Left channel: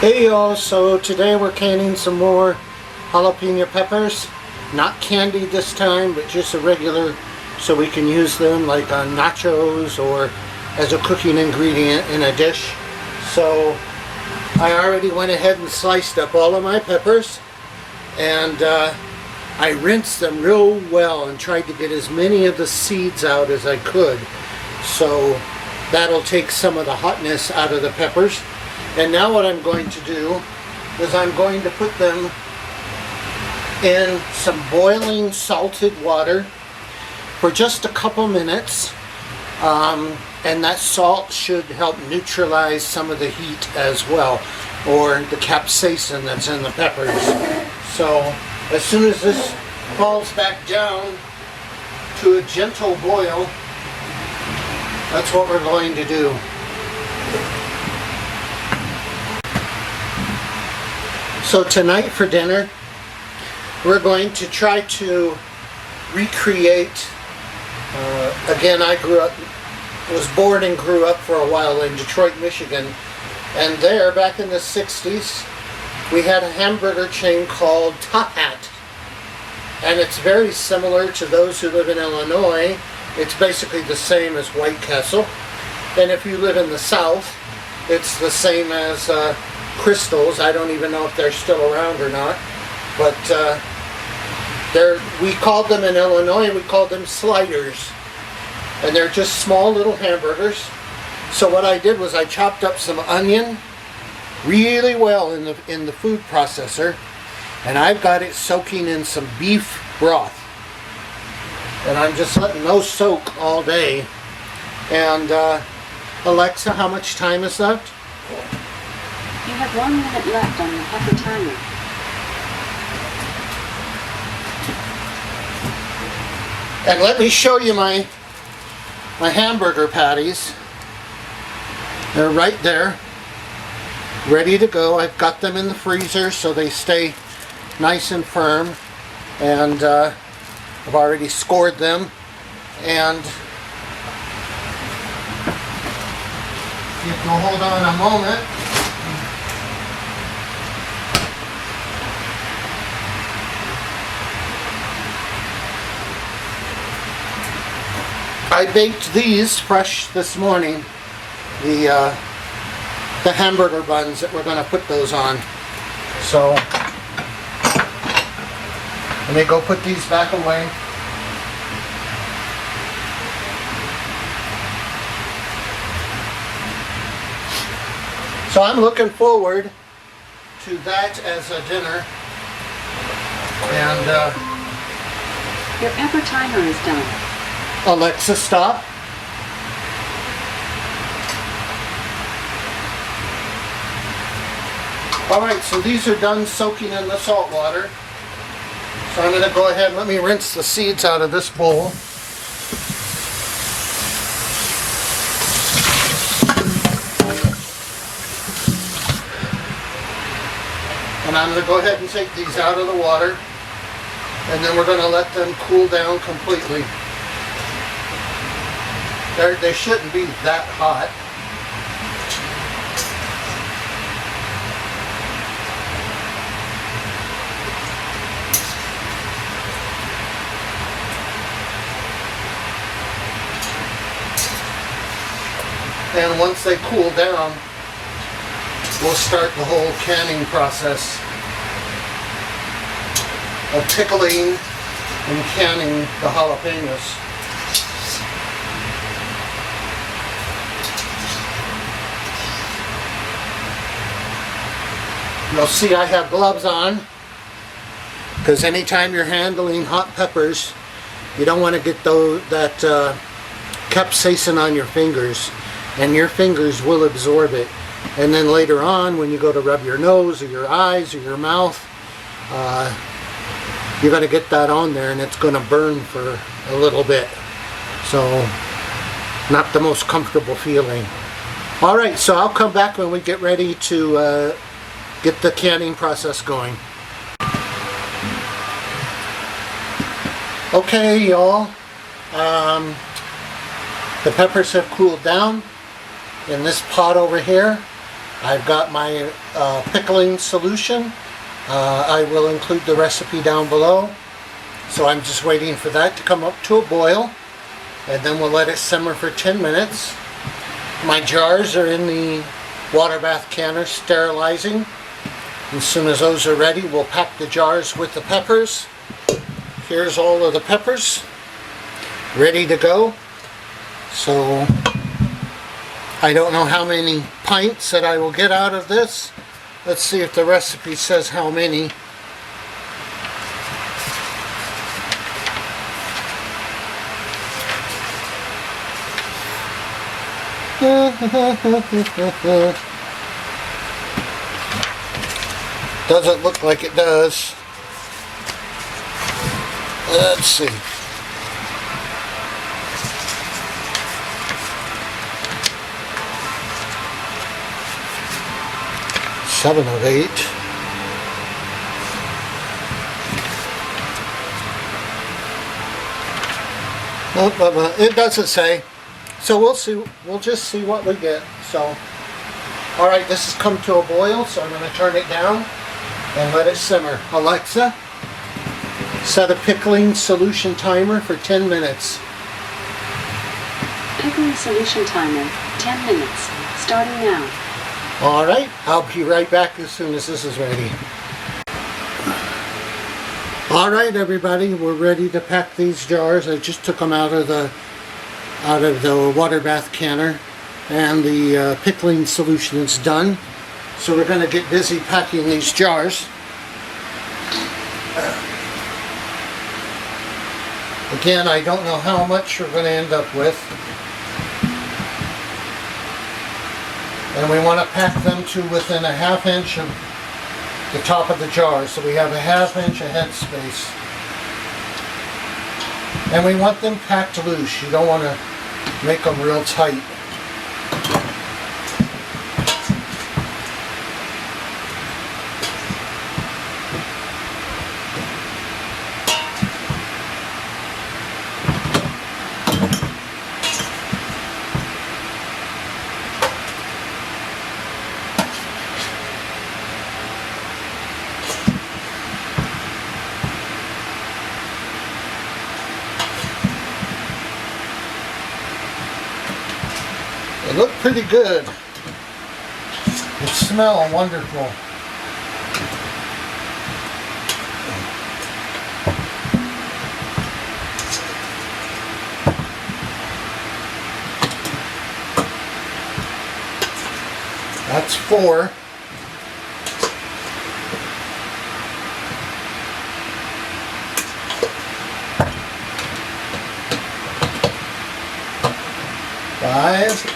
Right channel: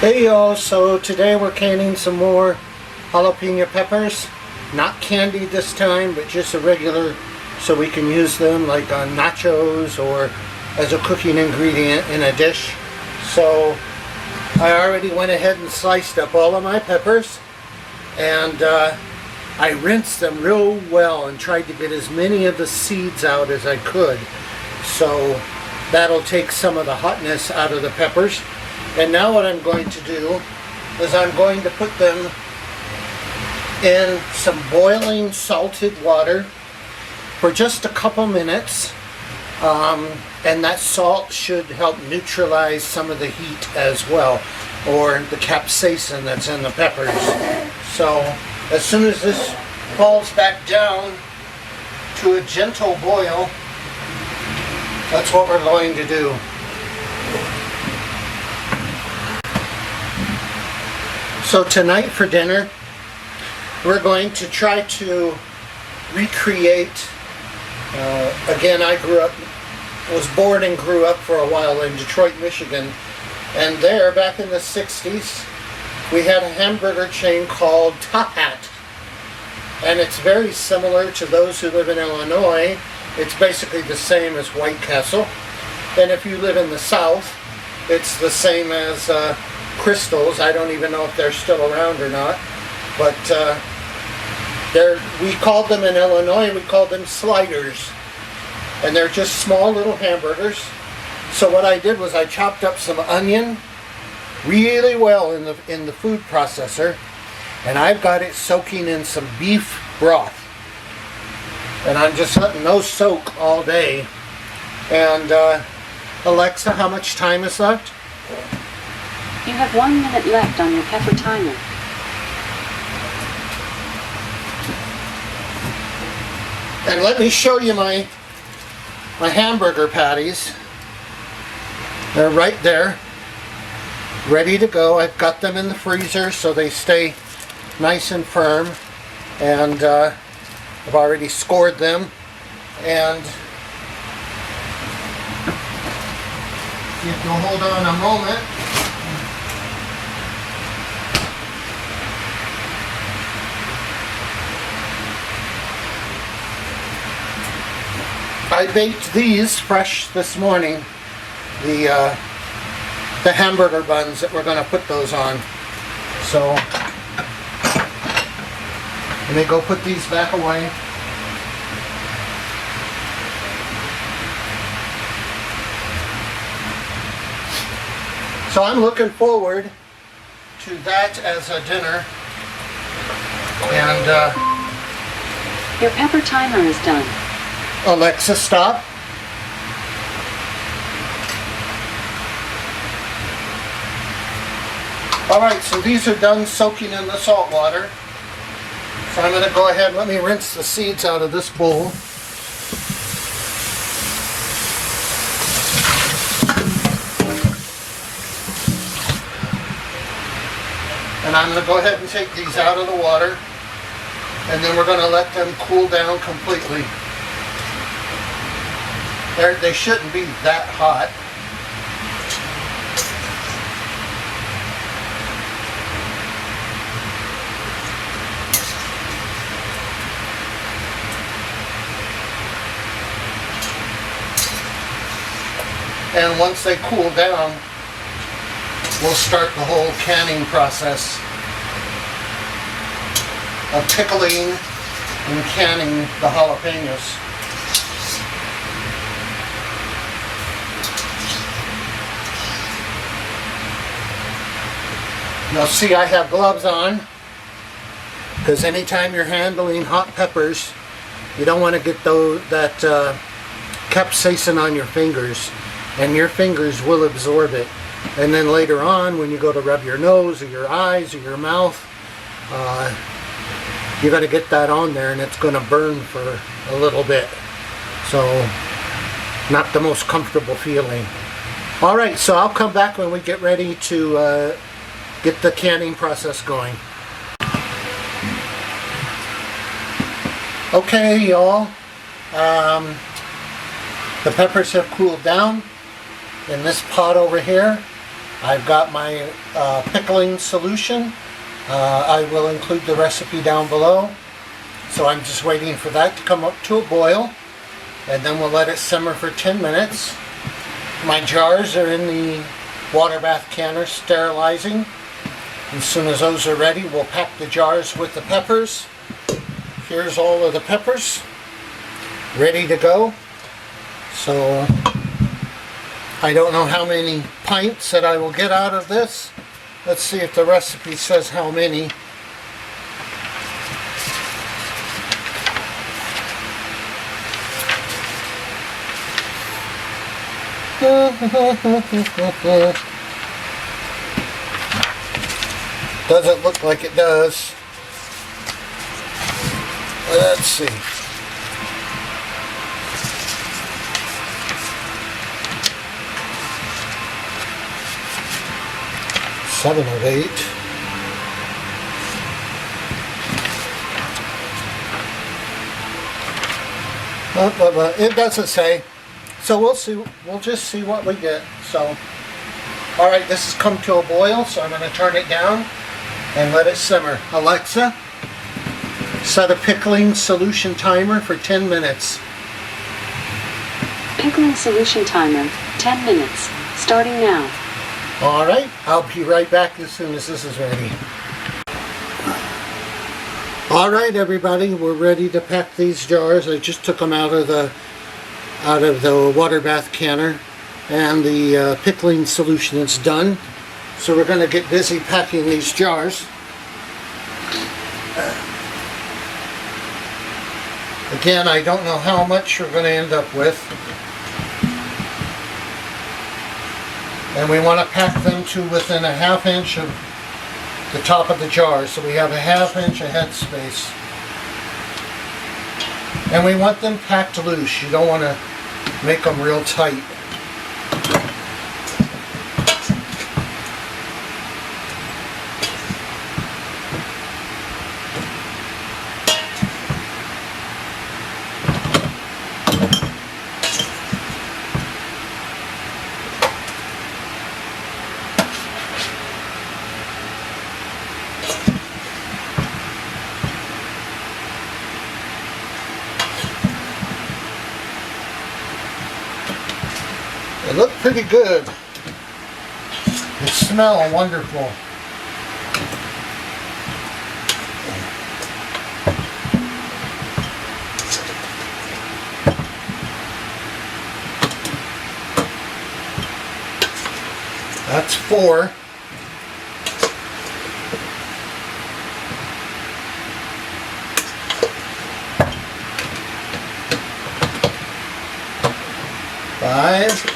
Hey y'all, so today we're canning some more jalapeno peppers. Not candied this time, but just a regular, so we can use them like on nachos or as a cooking ingredient in a dish. So I already went ahead and sliced up all of my peppers, and I rinsed them real well and tried to get as many of the seeds out as I could. So that'll take some of the hotness out of the peppers. And now what I'm going to do is I'm going to put them in some boiling salted water for just a couple minutes. And that salt should help neutralize some of the heat as well, or the capsaicin that's in the peppers. So as soon as this falls back down to a gentle boil, that's what we're going to do. So tonight for dinner, we're going to try to recreate, again, I was born and grew up for a while in Detroit, Michigan, and there, back in the 60s, we had a hamburger chain called To Can. And it's very similar to those who live in Illinois. It's basically the same as White Castle. And if you live in the South, it's the same as Crystals. I don't even know if they're still around or not, but we called them in Illinois, we called them sliders, and they're just small little hamburgers. So what I did was I chopped up some onion really well in the food processor, and I've got it soaking in some beef broth, and I'm just letting those soak all day. And Alexa, how much time is left? You have 1 minute left on your pepper timer. And let me show you my hamburger patties. They're right there, ready to go. I've got them in the freezer so they stay nice and firm. And I've already scored them. And if you'll hold on a moment. I baked these fresh this morning, the hamburger buns that we're going to put those on. So let me go put these back away. So I'm looking forward to that as a dinner. And your pepper timer is done. Alexa, stop. Alright, so these are done soaking in the salt water. So I'm going to go ahead and let me rinse the seeds out of this bowl. And I'm going to go ahead and take these out of the water. And then we're going to let them cool down completely. They shouldn't be that hot. And once they cool down, we'll start the whole canning process of pickling and canning the jalapenos. You'll see I have gloves on, because anytime you're handling hot peppers, you don't want to get that capsaicin on your fingers, and your fingers will absorb it. And then later on, when you go to rub your nose or your eyes or your mouth, you're going to get that on there, and it's going to burn for a little bit. So, not the most comfortable feeling. Alright, so I'll come back when we get ready to get the canning process going. Okay, y'all. The peppers have cooled down in this pot over here. I've got my pickling solution. I will include the recipe down below. So I'm just waiting for that to come up to a boil, and then we'll let it simmer for 10 minutes. My jars are in the water bath canner sterilizing. As soon as those are ready, we'll pack the jars with the peppers. Here's all of the peppers ready to go. So I don't know how many pints that I will get out of this. Let's see if the recipe says how many. Doesn't look like it does. Let's see. Seven of 8. It doesn't say. So we'll see. We'll just see what we get. So, all right, this has come to a boil, so I'm going to turn it down and let it simmer. Alexa, set a pickling solution timer for 10 minutes. Pickling solution timer, 10 minutes, starting now. All right, I'll be right back as soon as this is ready. All right, everybody, we're ready to pack these jars. I just took them out of the water bath canner, and the pickling solution is done. So we're going to get busy packing these jars. Again, I don't know how much we're going to end up with. And we want to pack them to within a ½ inch of the top of the jar, so we have a ½ inch of head space. And we want them packed loose. You don't want to make them real tight. They look pretty good. They smell wonderful. That's 4. Five.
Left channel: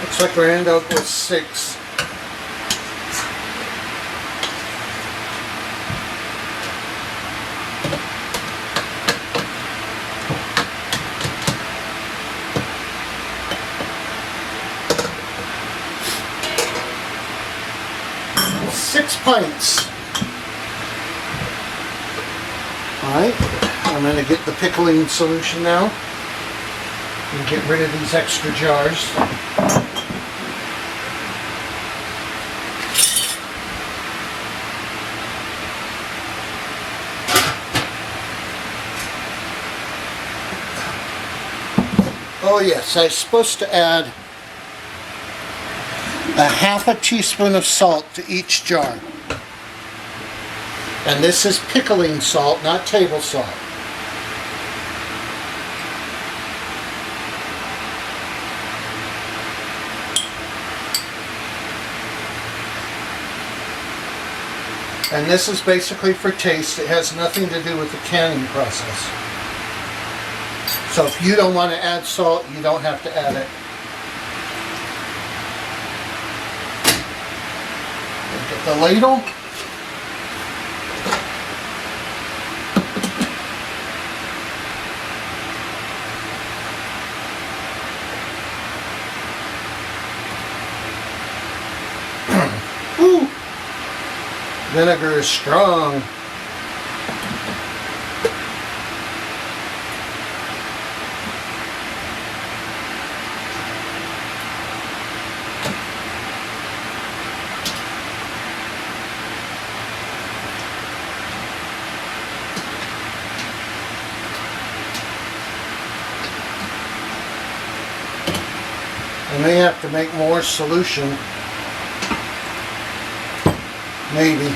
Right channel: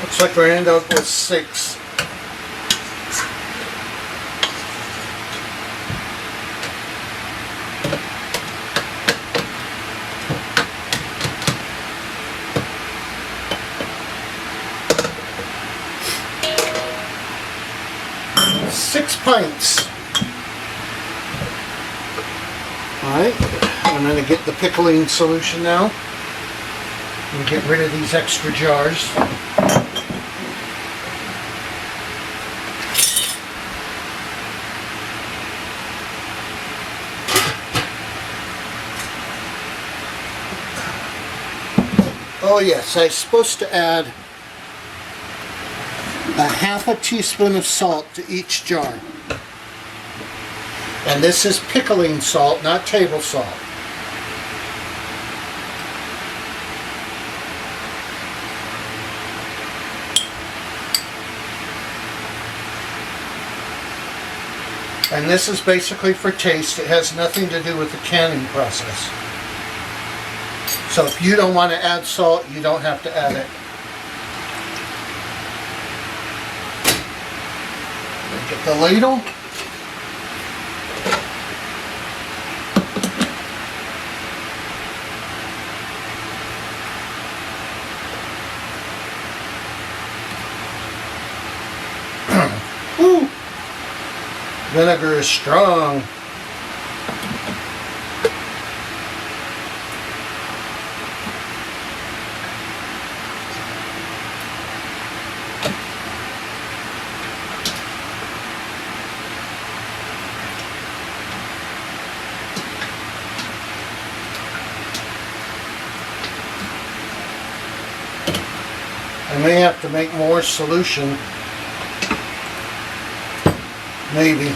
Looks like we're end up with 6. Six pints. Alright, I'm going to get the pickling solution now and get rid of these extra jars. Oh yes, I'm supposed to add a ½ teaspoon of salt to each jar. And this is pickling salt, not table salt. And this is basically for taste. It has nothing to do with the canning process. So if you don't want to add salt, you don't have to add it. Get the ladle. Vinegar is strong. I may have to make more solution. Maybe.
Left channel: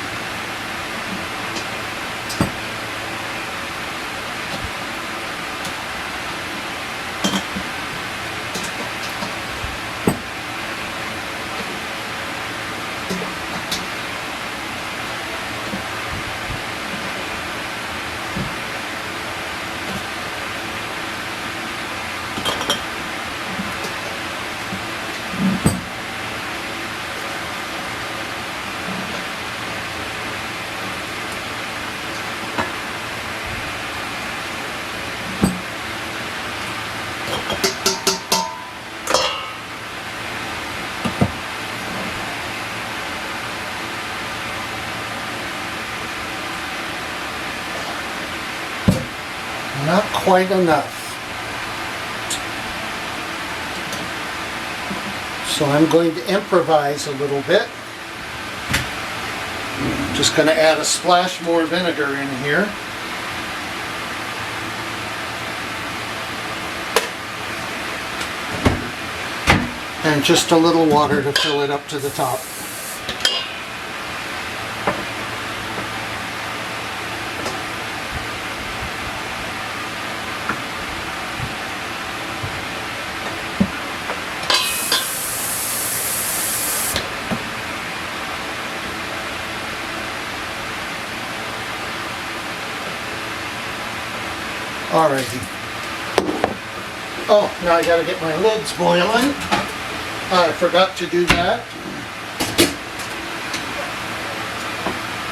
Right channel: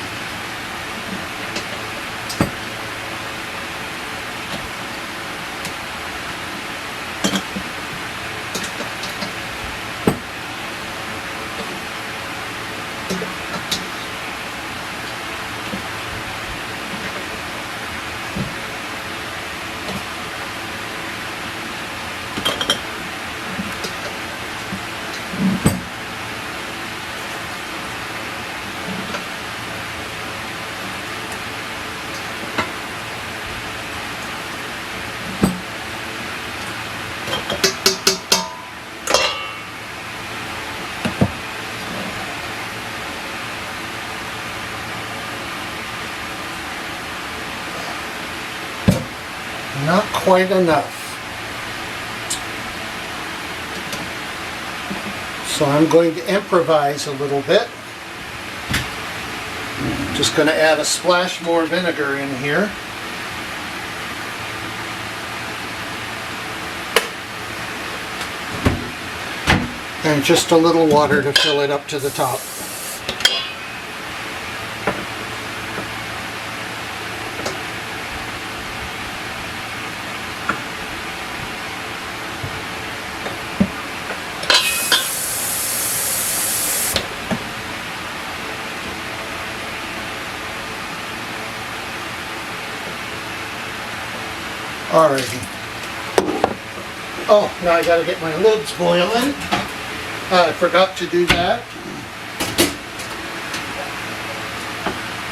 Not quite enough. So I'm going to improvise a little bit. Just going to add a splash more vinegar in here. And just a little water to fill it up to the top. Alrighty. Oh, now I gotta get my lids boiling. I forgot to do that.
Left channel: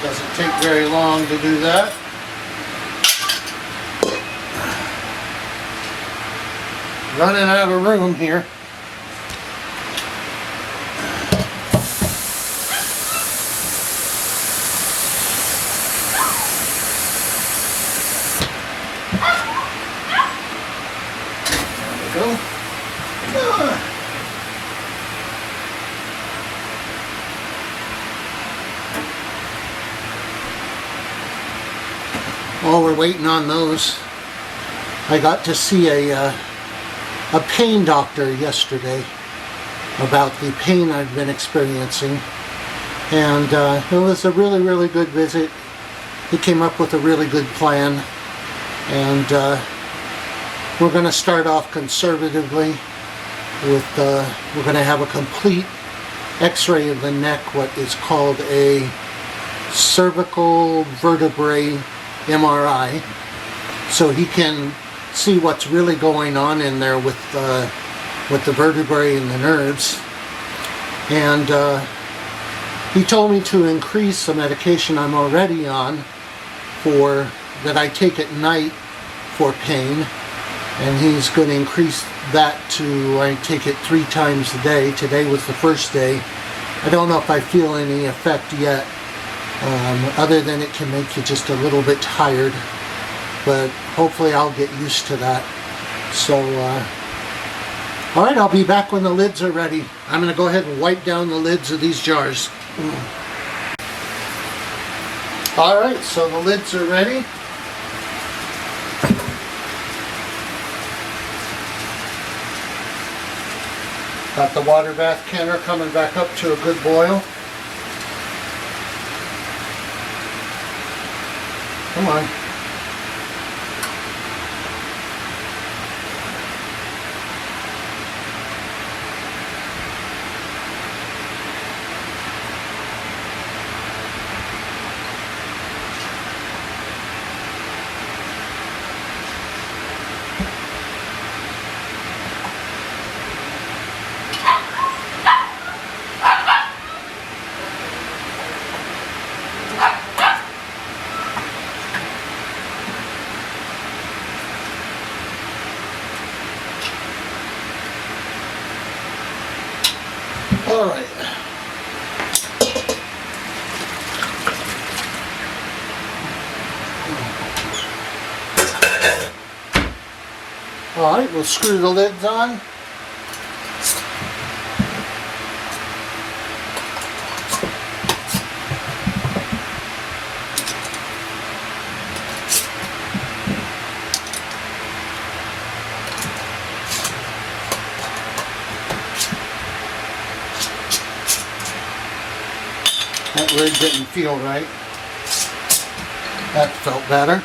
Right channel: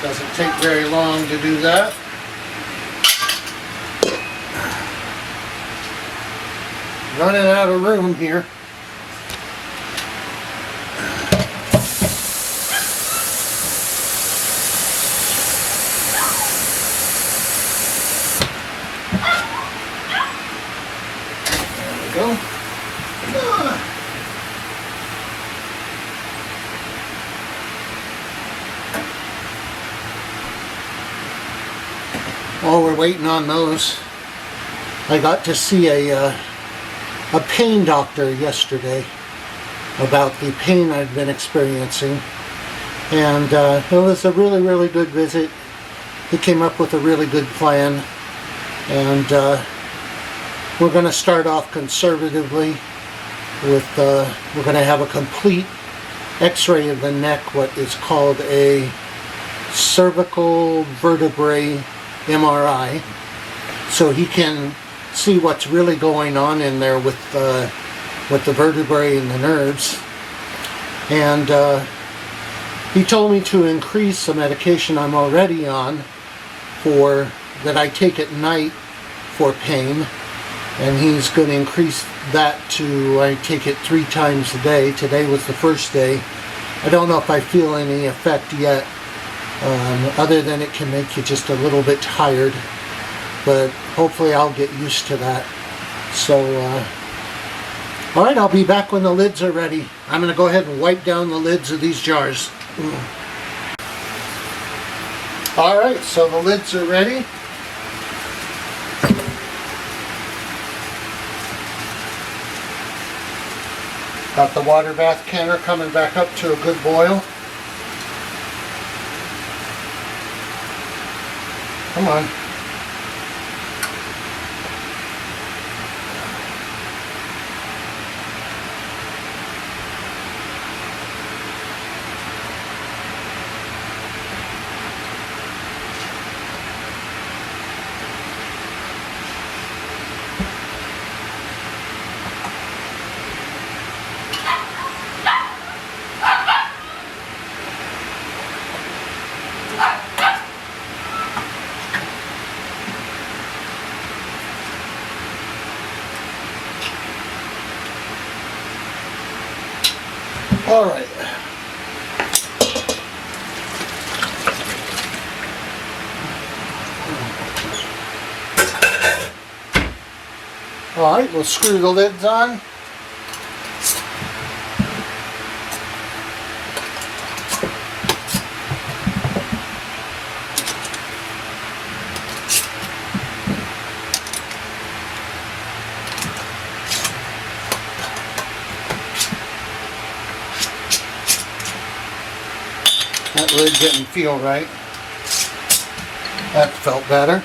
Doesn't take very long to do that. Running out of room here. Go. While we're waiting on those, I got to see a pain doctor yesterday about the pain I've been experiencing, and it was a really good visit. He came up with a really good plan, and we're going to start off conservatively with, we're going to have a complete x-ray of the neck, what is called a cervical vertebrae MRI, so he can see what's really going on in there with the vertebrae and the nerves. And he told me to increase the medication I'm already on that I take at night for pain. And he's going to increase that to, I take it 3 times a day. Today was the first day. I don't know if I feel any effect yet, other than it can make you just a little bit tired. But hopefully I'll get used to that. So, alright, I'll be back when the lids are ready. I'm going to go ahead and wipe down the lids of these jars. Alright, so the lids are ready. Got the water bath canner coming back up to a good boil. Come on. All right. Alright, we'll screw the lids on. That lid didn't feel right. That felt better.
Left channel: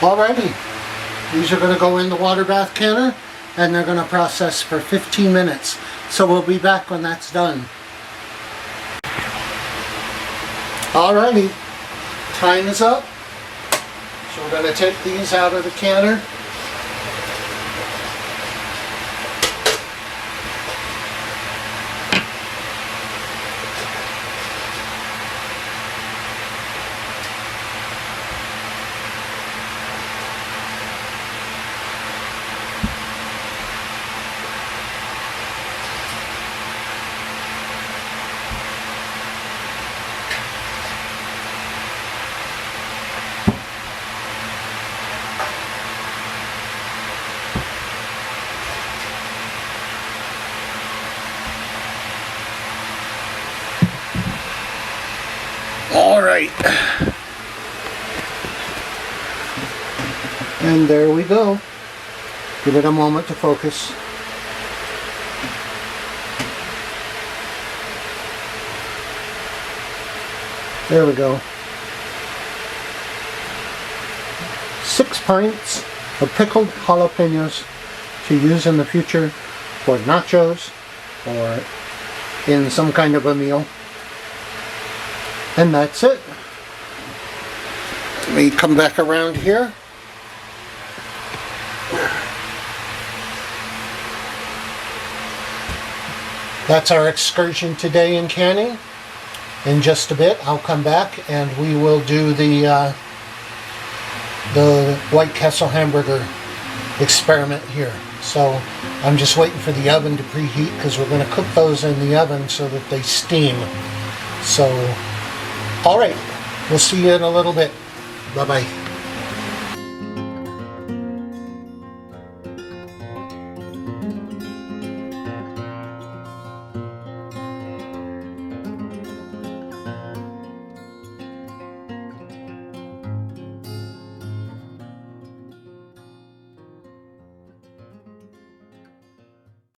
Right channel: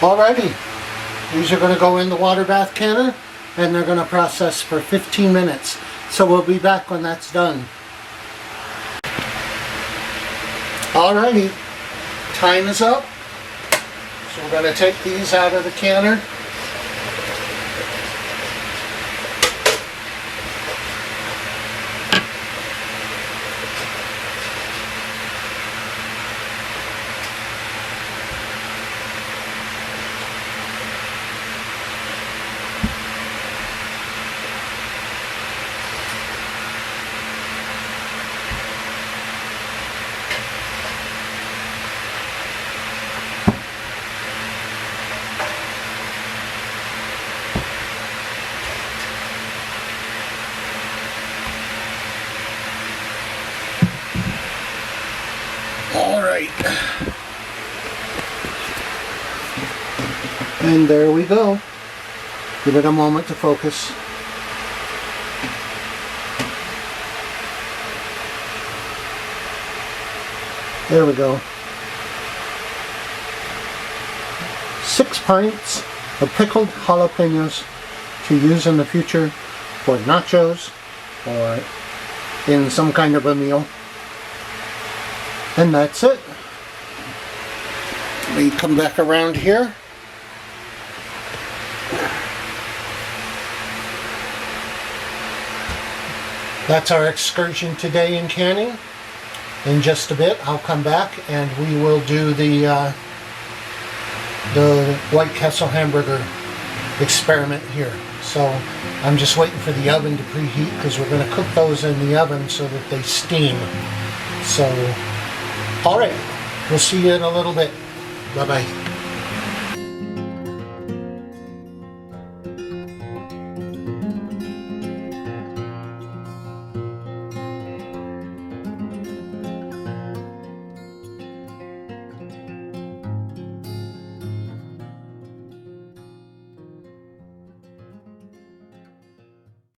Alrighty, these are going to go in the water bath canner and they're going to process for 15 minutes. So we'll be back when that's done. Alrighty, time is up. So we're going to take these out of the canner. All right. And there we go. Give it a moment to focus. There we go. 6 pints of pickled jalapenos to use in the future for nachos or in some kind of a meal. And that's it. Let me come back around here. That's our excursion today in canning. In just a bit, I'll come back and we will do the White Castle hamburger experiment here. So I'm just waiting for the oven to preheat because we're going to cook those in the oven so that they steam. So, all right, we'll see you in a little bit. Bye-bye.